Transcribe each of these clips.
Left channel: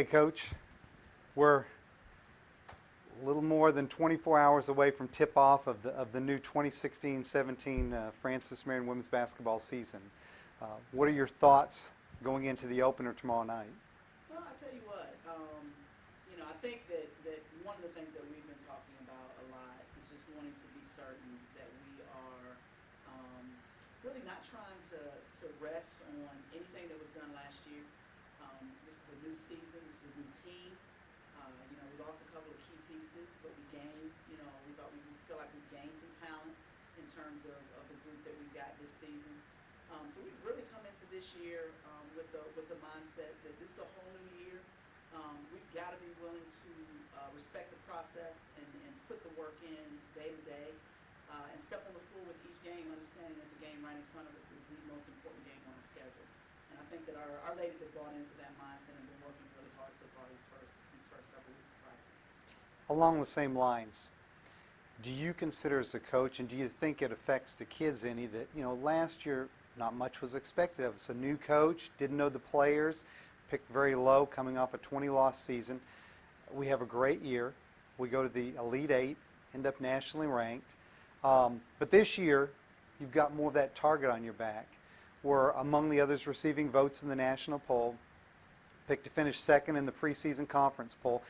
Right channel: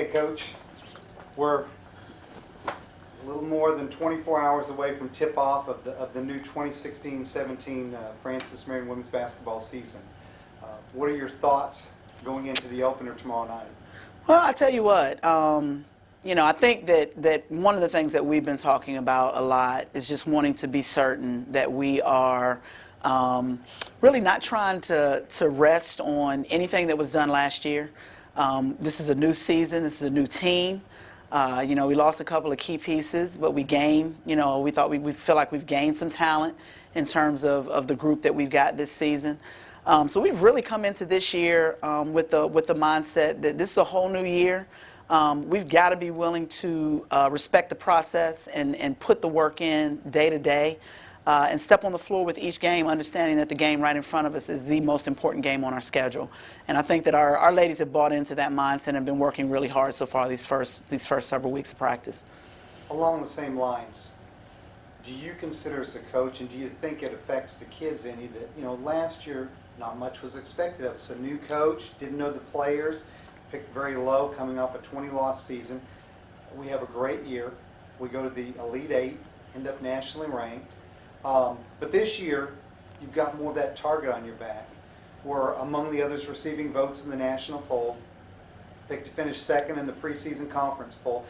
Hey, Coach, we're a little more than 24 hours away from tip-off of the new 2016-17 Francis Marion women's basketball season. What are your thoughts going into the opener tomorrow night? Well, I tell you what, I think that one of the things that we've been talking about a lot is just wanting to be certain that we are really not trying to rest on anything that was done last year. This is a new season. This is a new team. We lost a couple of key pieces, but we gained, we thought we feel like we've gained some talent in terms of the group that we've got this season. So we've really come into this year with the mindset that this is a whole new year. We've got to be willing to respect the process and put the work in day to day and step on the floor with each game, understanding that the game right in front of us is the most important game on our schedule. And I think that our ladies have bought into that mindset and have been working really hard so far these first several weeks of practice. Along the same lines, do you consider as a coach, and do you think it affects the kids any, that last year not much was expected of us? A new coach, didn't know the players, picked very low coming off a 20-loss season. We have a great year. We go to the Elite Eight, end up nationally ranked. But this year, you've got more of that target on your back. We're among the others receiving votes in the national poll, picked to finish second in the preseason conference poll.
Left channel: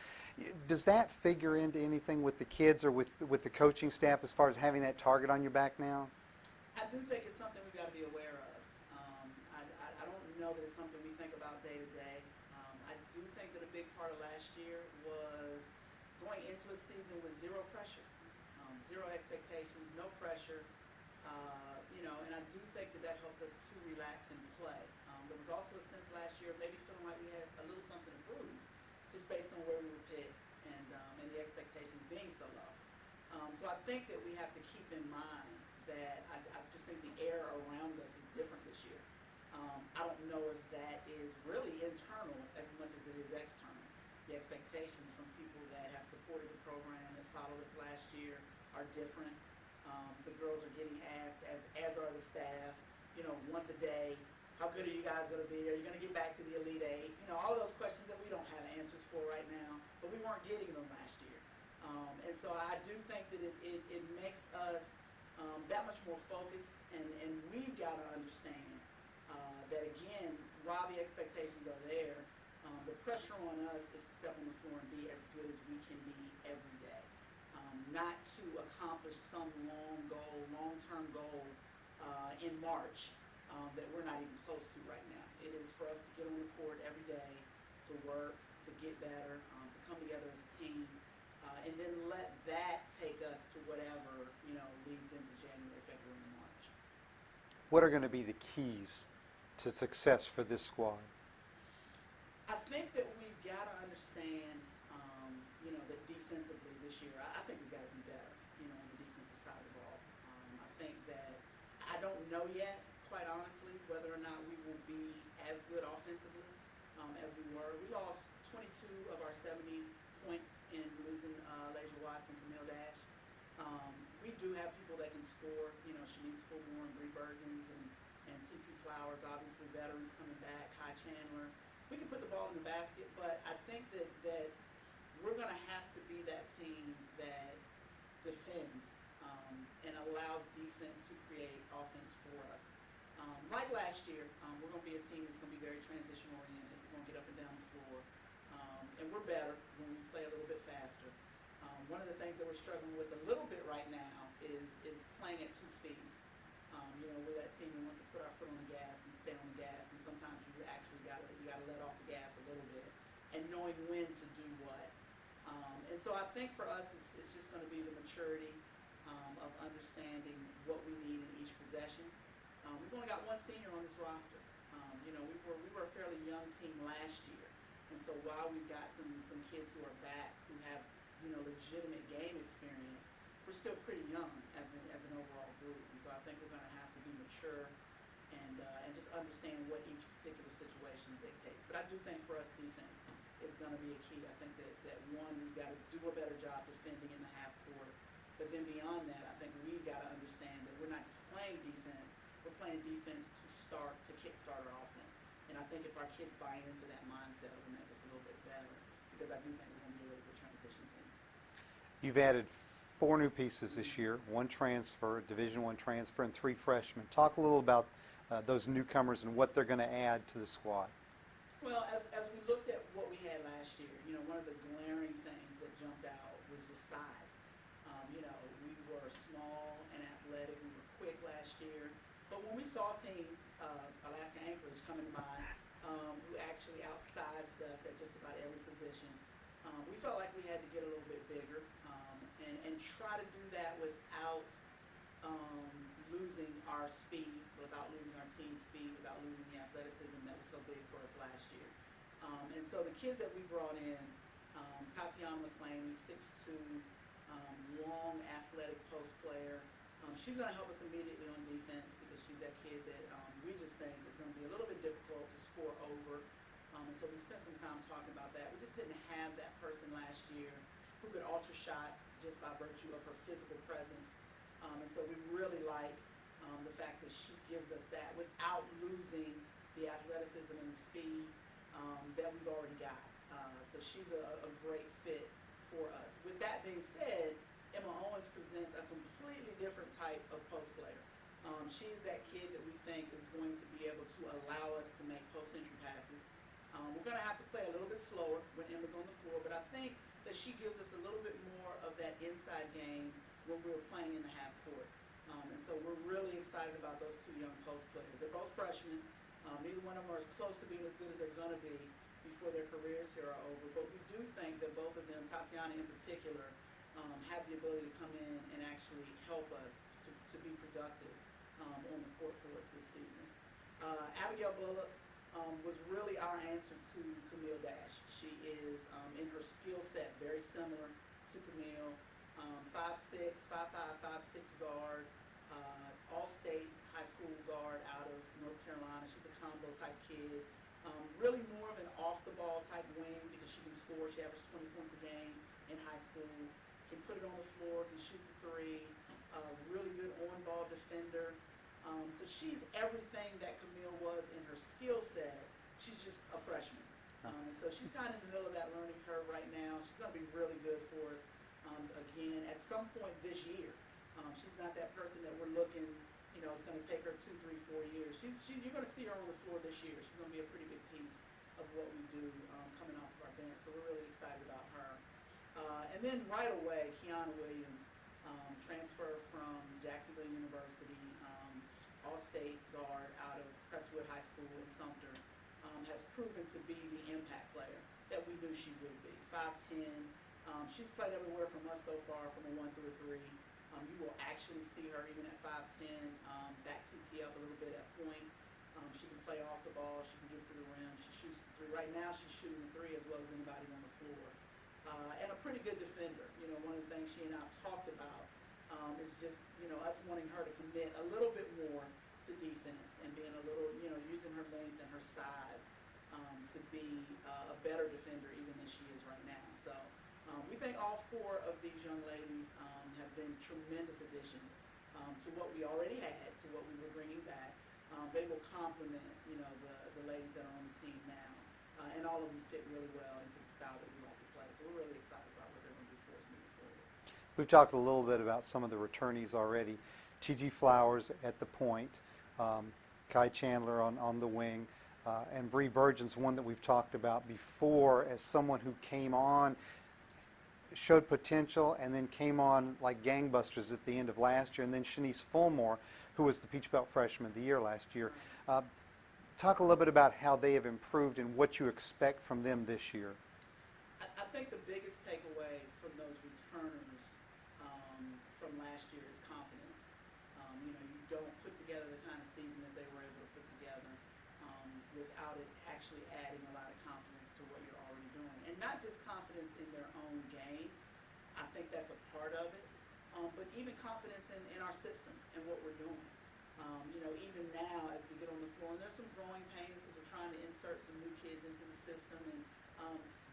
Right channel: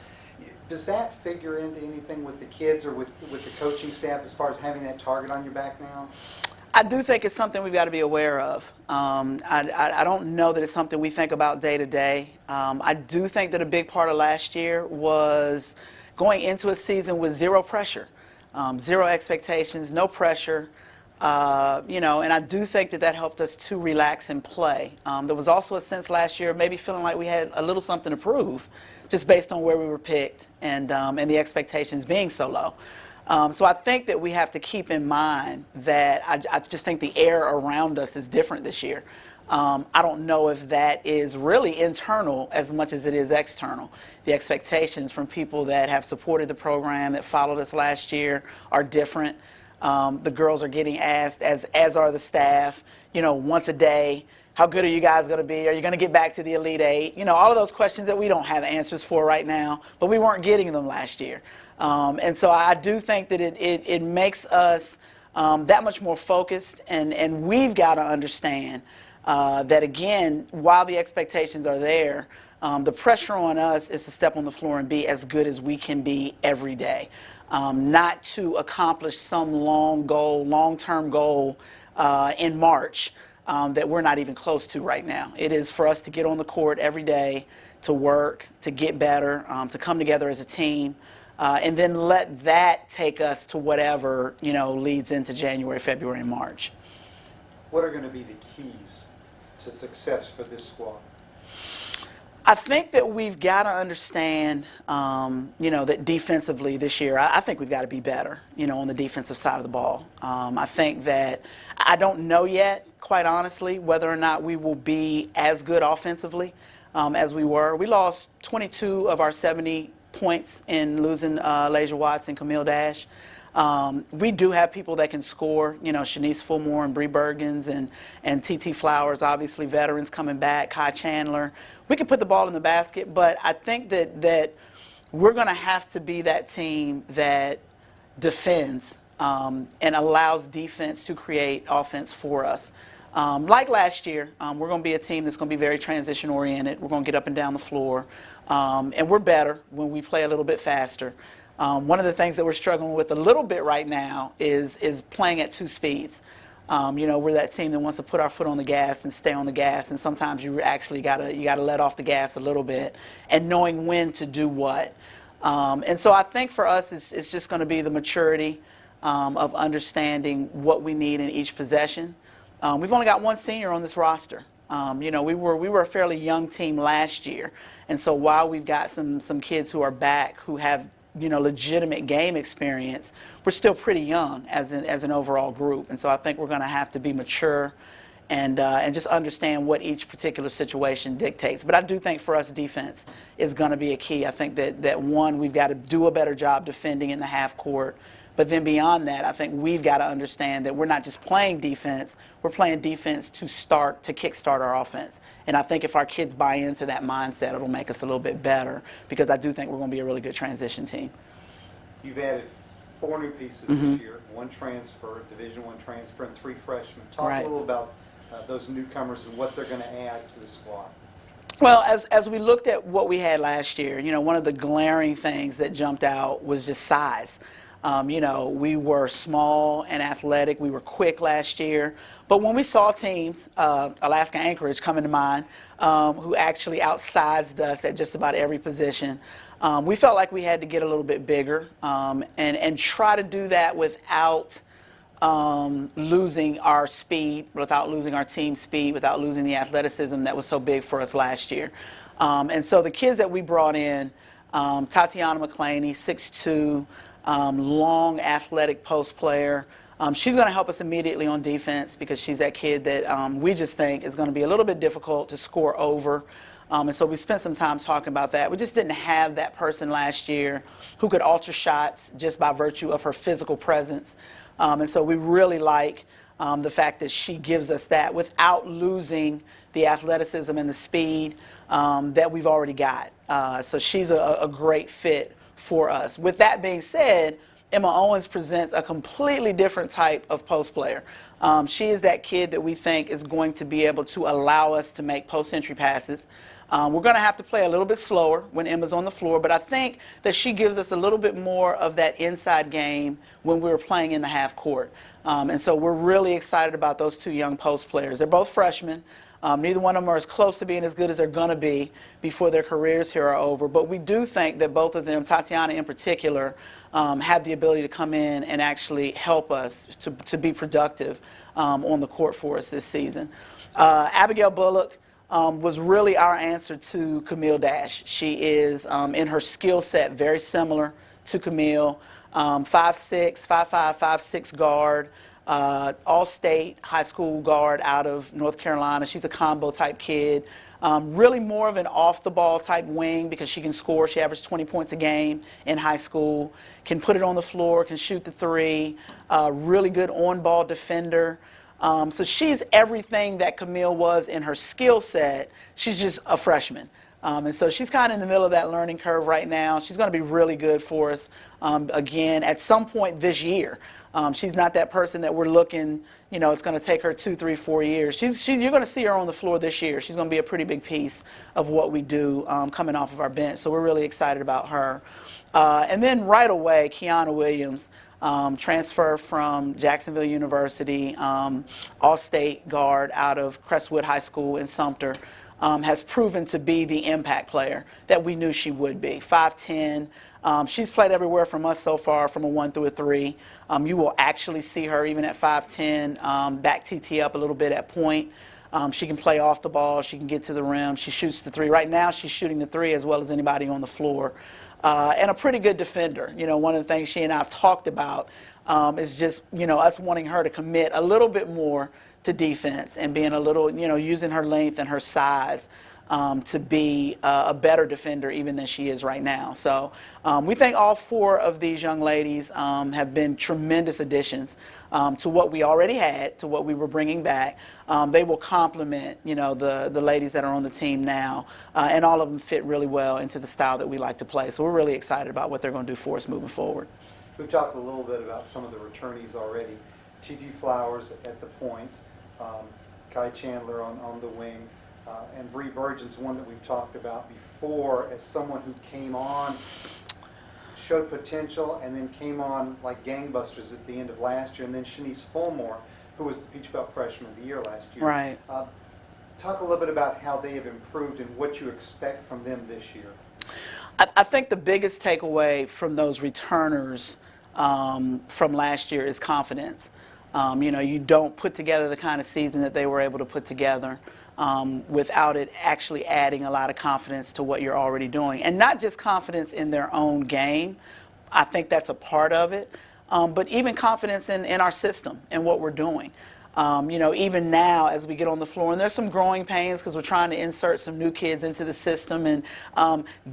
Does that figure into anything with the kids or with the coaching staff as far as having that target on your back now? I do think it's something we've got to be aware of. I don't know that it's something we think about day to day. I do think that a big part of last year was going into a season with zero pressure, zero expectations, no pressure. And I do think that helped us to relax and play. There was also a sense last year maybe feeling like we had a little something to prove just based on where we were picked and the expectations being so low. So I think that we have to keep in mind that I just think the air around us is different this year. I don't know if that is really internal as much as it is external. The expectations from people that have supported the program, that followed us last year, are different. The girls are getting asked, as are the staff, once a day, how good are you guys going to be? Are you going to get back to the Elite Eight? All of those questions that we don't have answers for right now, but we weren't getting them last year. And so I do think that it makes us that much more focused, and we've got to understand that, again, while the expectations are there, the pressure on us is to step on the floor and be as good as we can be every day, not to accomplish some long-term goal in March that we're not even close to right now. It is for us to get on the court every day, to work, to get better, to come together as a team. And then let that take us to whatever, leads into January, February, and March. What are going to be the keys to success for this squad? I think that we've got to understand, that defensively this year, I think we've got to be better, on the defensive side of the ball. I think that I don't know yet, quite honestly, whether or not we will be as good offensively as we were. We lost 22 of our 70 points in losing Lasia Watts and Camille Dash. We do have people that can score, Shanice Fulmore and Bree Bergens and TT Flowers, obviously veterans coming back, Kai Chandler. We can put the ball in the basket, but I think that we're going to have to be that team that defends and allows defense to create offense for us. Like last year, we're going to be a team that's going to be very transition-oriented. We're going to get up and down the floor. And we're better when we play a little bit faster. One of the things that we're struggling with a little bit right now is playing at two speeds. We're that team that wants to put our foot on the gas and stay on the gas, and sometimes you actually gotta let off the gas a little bit, and knowing when to do what. And so I think for us, it's just going to be the maturity of understanding what we need in each possession. We've only got one senior on this roster. We were a fairly young team last year, and so while we've got some kids who are back who have legitimate game experience, we're still pretty young as an overall group, and so I think we're going to have to be mature and just understand what each particular situation dictates. But I do think for us, defense is going to be a key. I think that one, we've got to do a better job defending in the half court. But then beyond that, I think we've got to understand that we're not just playing defense, we're playing defense to kickstart our offense. And I think if our kids buy into that mindset, it'll make us a little bit better, because I do think we're going to be a really good transition team. You've added 4 new pieces this year, 1 transfer, Division I transfer, and 3 freshmen. Talk a little about those newcomers and what they're going to add to the squad. Well, as we looked at what we had last year, you know, one of the glaring things that jumped out was just size. You know, we were small and athletic. We were quick last year. But when we saw teams, Alaska Anchorage coming to mind, who actually outsized us at just about every position, we felt like we had to get a little bit bigger and try to do that without losing our speed, without losing our team speed, without losing the athleticism that was so big for us last year. And so the kids that we brought in, Tatiana McClaney, 6'2", long athletic post player. She's going to help us immediately on defense, because she's that kid that we just think is going to be a little bit difficult to score over. And so we spent some time talking about that. We just didn't have that person last year who could alter shots just by virtue of her physical presence. And so we really like the fact that she gives us that without losing the athleticism and the speed that we've already got. So she's a great fit for us. With that being said, Emma Owens presents a completely different type of post player. She is that kid that we think is going to be able to allow us to make post-entry passes. We're going to have to play a little bit slower when Emma's on the floor, but I think that she gives us a little bit more of that inside game when we're playing in the half court. And so we're really excited about those 2 young post players. They're both freshmen. Neither one of them are as close to being as good as they're going to be before their careers here are over. But we do think that both of them, Tatiana in particular, have the ability to come in and actually help us to be productive on the court for us this season. Abigail Bullock was really our answer to Camille Dash. She is, in her skill set, very similar to Camille. 5'6", 5'5", 5'6" guard, all-state high school guard out of North Carolina. She's a combo type kid. Really more of an off-the-ball type wing, because she can score. She averaged 20 points a game in high school, can put it on the floor, can shoot the 3, really good on-ball defender. So she's everything that Camille was in her skill set. She's just a freshman. And so she's kind of in the middle of that learning curve right now. She's going to be really good for us, again, at some point this year. She's not that person that we're looking, you know, it's going to take her 2, 3, 4 years. You're going to see her on the floor this year. She's going to be a pretty big piece of what we do coming off of our bench. So we're really excited about her. And then right away, Kiana Williams, transfer from Jacksonville University, all-state guard out of Crestwood High School in Sumter, has proven to be the impact player that we knew she would be. 5'10". She's played everywhere from us so far, from a 1 through a 3. You will actually see her even at 5'10", back TT up a little bit at point. She can play off the ball. She can get to the rim. She shoots the 3. Right now, she's shooting the 3 as well as anybody on the floor. And a pretty good defender. You know, one of the things she and I have talked about is just, you know, us wanting her to commit a little bit more to defense and being a little, you know, using her length and her size to be a better defender even than she is right now. So we think all 4 of these young ladies have been tremendous additions to what we already had, to what we were bringing back. They will complement, you know, the ladies that are on the team now, and all of them fit really well into the style that we like to play. So we're really excited about what they're going to do for us moving forward. We've talked a little bit about some of the returnees already. T.T. Flowers at the point, Kai Chandler on the wing, and Bree Burgeon's one that we've talked about before as someone who came on, showed potential, and then came on like gangbusters at the end of last year. And then Shanice Fulmore, who was the Peach Belt Freshman of the Year last year. Right. Talk a little bit about how they have improved and what you expect from them this year. I think the biggest takeaway from those returners from last year is confidence. You know, you don't put together the kind of season that they were able to put together without it actually adding a lot of confidence to what you're already doing. And not just confidence in their own game. I think that's a part of it. But even confidence in our system and what we're doing. Even now as we get on the floor, and there's some growing pains because we're trying to insert some new kids into the system, and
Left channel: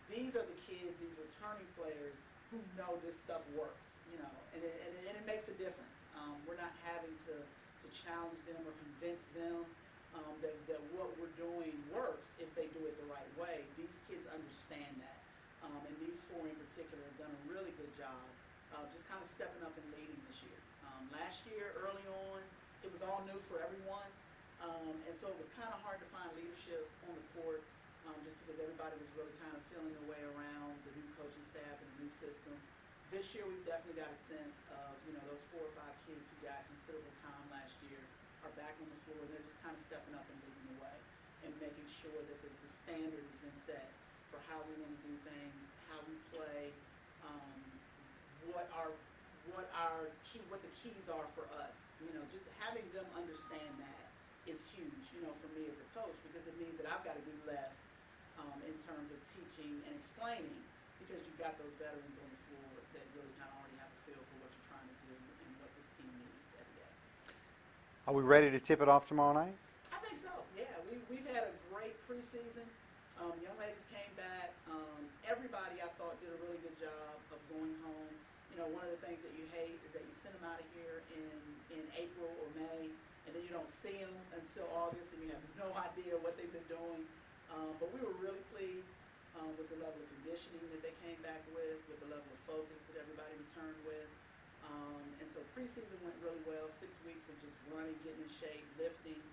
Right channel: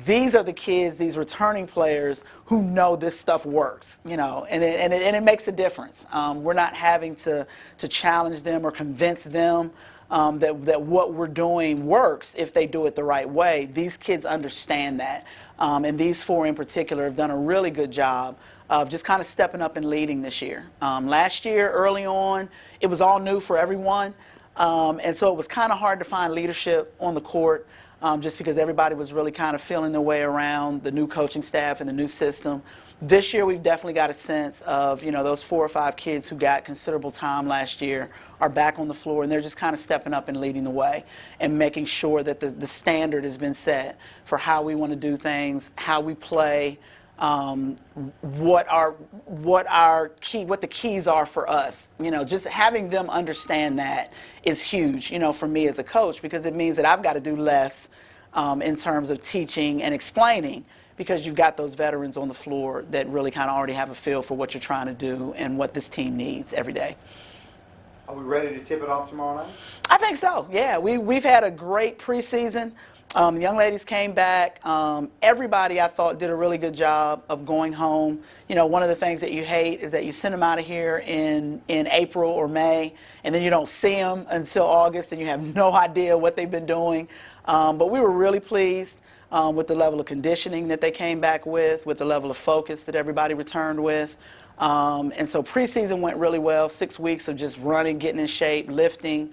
these are the kids, these returning players who know this stuff works, and it makes a difference. We're not having to challenge them or convince them that what we're doing works if they do it the right way. These kids understand that, and these four in particular have done a really good job of just kind of stepping up and leading this year. Last year, early on, it was all new for everyone, and so it was kind of hard to find leadership on the court just because everybody was really kind of feeling their way around the new coaching staff and the new system. This year, we've definitely got a sense of, those 4 or 5 kids who got considerable time last year are back on the floor, and they're just kind of stepping up and leading the way and making sure that the standard has been set for how we want to do things, how we play, what the keys are for us. Just having them understand that is huge, for me as a coach, because it means that I've got to do less in terms of teaching and explaining, because you've got those veterans on the floor that really kind of already have a feel for what you're trying to do and what this team needs every day. Are we ready to tip it off tomorrow night? I think so, yeah. We've had a great preseason. The young ladies came back. Everybody, I thought, did a really good job of going home. One of the things that you hate is that you send them out of here in April or May, and then you don't see them until August, and you have no idea what they've been doing. But we were really pleased with the level of conditioning that they came back with the level of focus that everybody returned with. And so preseason went really well. 6 weeks of just running, getting in shape, lifting,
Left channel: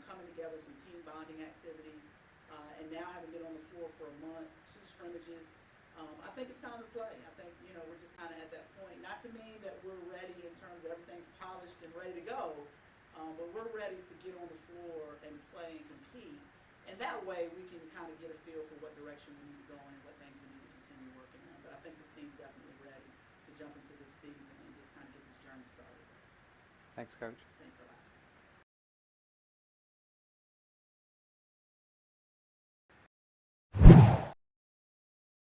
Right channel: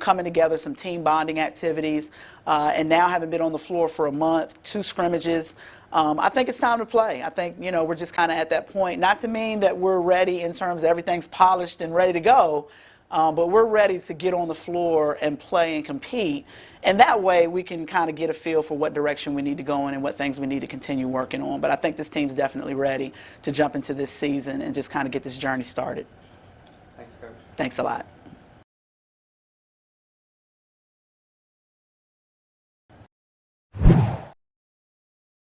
coming together, some team bonding activities, and now having been on the floor for a month, 2 scrimmages. I think it's time to play. I think, we're just kind of at that point, not to mean that we're ready in terms of everything's polished and ready to go, but we're ready to get on the floor and play and compete. And that way we can kind of get a feel for what direction we need to go in and what things we need to continue working on. But I think this team's definitely ready to jump into this season and just kind of get this journey started. Thanks, Coach. Thanks a lot.